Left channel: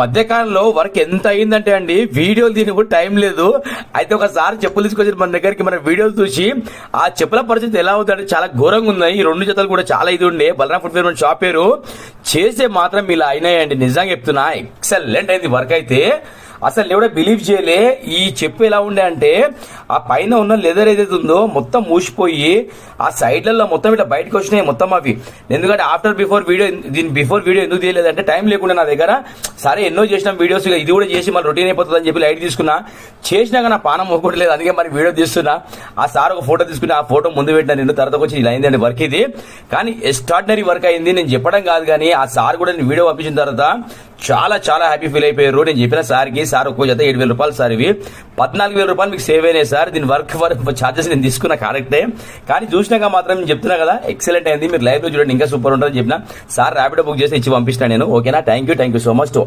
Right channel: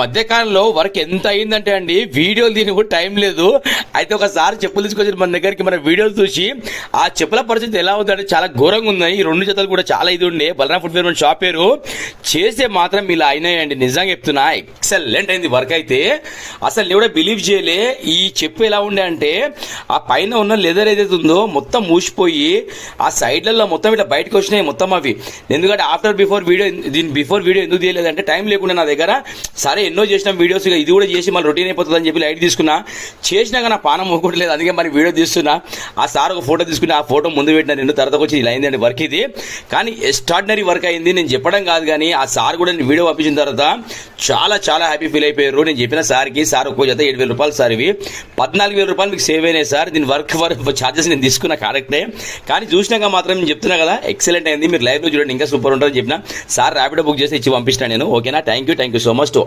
మధ్యకాలంలో వర్క్ ఎంత అయిందంటే అండి వీడియోలు దీనికి కూడా టైం లేదు. అయితే ఒకసారి చెప్పులు తీసుకొచ్చి మన దగ్గరికి మన వీడియోలు చూసి ఆ చెప్పుల పరిస్థితి ఎలా అవుతుందంటే చాలా ఘోరంగా ఉన్నాయి. ఈ రెండు జతలు కూడా చాలా ఇది ఉండే బలరాం ఫుట్వేర్ మన షాప్ పేరు చేస్తే మాత్రం ఇలా అయినాయండి. నిజంగా చెప్తున్నా ఎక్సలెంట్ అయింది వర్క్ అయితే. అసలు నేను కూడా బిలీవ్ చేయలే. ఈ చెప్పు ఎలా ఉండే అంటే ఆ పైన ఉన్న లెదర్ ఏదైతే ఉందో మొత్తం మూసిపోయి ఆ సైడ్లలో మొత్తం ఇట్లా బయటకు వచ్చినాయి మొత్తం అవి. ఎందుకంటే ఆఫ్టర్ బిఫోర్ వీడియో దీని బిఫోర్ వీడియో ఎందుకు తీయలేదంటే టైం లేకుండా నా దగ్గర. సరే ఎన్నో చేసిన వీడియోస్ ఇది కూడా చేసి మళ్ళీ రొటీన్ అయిపోతుంది అని చెప్పి లైట్ తీసుకున్నా. చేసినాక నా పానం మొక్కట్లేదు, అందుకే మరి వీడియో తీస్తున్నా. ఆ సార్ ఒక ఫోటో తీసుకుని ఆ ఫోటో ముందు పెట్టిన రెండు తర్వాత వచ్చి ఇలా అయిందండి వర్క్ ఇది. కానీ ఎక్స్ట్రాడినరీ వర్క్ అయింది. నేను చెప్పడం కాదు కానీ ఆ సార్ కూడా నేను వీడియో పంపించిన తర్వాత చాలా చాలా హ్యాపీ ఫీల్ అయిపోయారు. నేను చెప్పిన సార్కి సార్ ఒక్కో జత 7,000 రూపాయలు సార్, ఇవి 14,000 రూపాయలు మీకు సేవ్ అయినాయి సార్. దీని వర్క్ ఛార్జెస్ నేను తీసుకున్నా కరెక్టే, కానీ చూసినాక మాత్రం నేను చెప్తున్నా కదా ఎక్సలెంట్ అయింది. మీరు లైవ్ లో చూడండి ఇంకా సూపర్ ఉంటుందని చెప్పిన. సార్ ర్యాపిడో బుక్ చేసి ఇచ్చి పంపిస్తాను నేను. ఓకేనా? Thank you so much to